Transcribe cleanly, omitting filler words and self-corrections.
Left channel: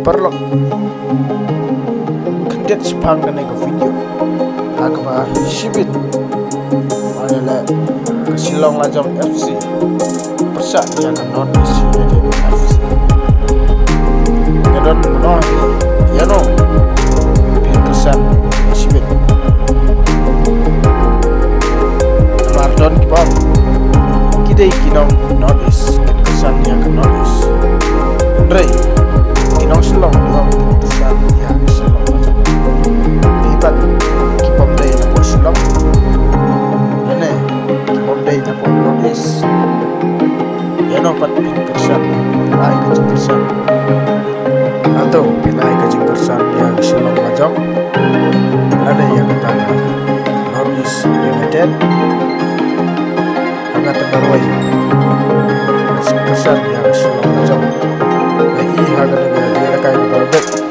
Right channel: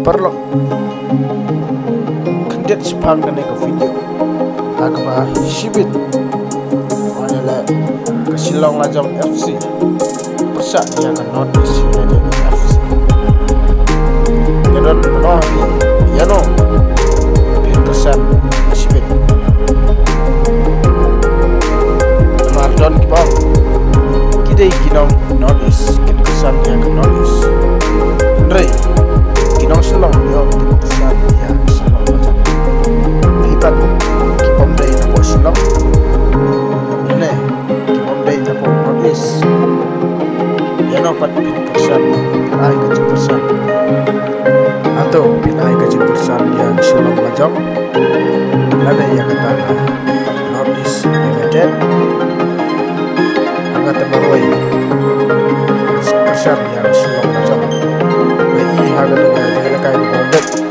perlok kendet spang kene ke video hakba sibit wanele ke Shillong Lajong FC persa dia ke North East United FC kedon menohi yano pin kesan sibit Mardon kibong kidai kinong North East kin kesan dia ke North East Andre kinong Shillong dia kin kesan dia ke Shillong Lajong pipat kipom day na po Shillong lene kipom day na po North East yano pat pin kesan pinai kacing kesan atau pinai kacing kesan dia ke Shillong Lajong lene yang ketanga North East United hangat terbaruai kesan yang Shillong Lajong. Mai haga dengan dia lekai ke bawah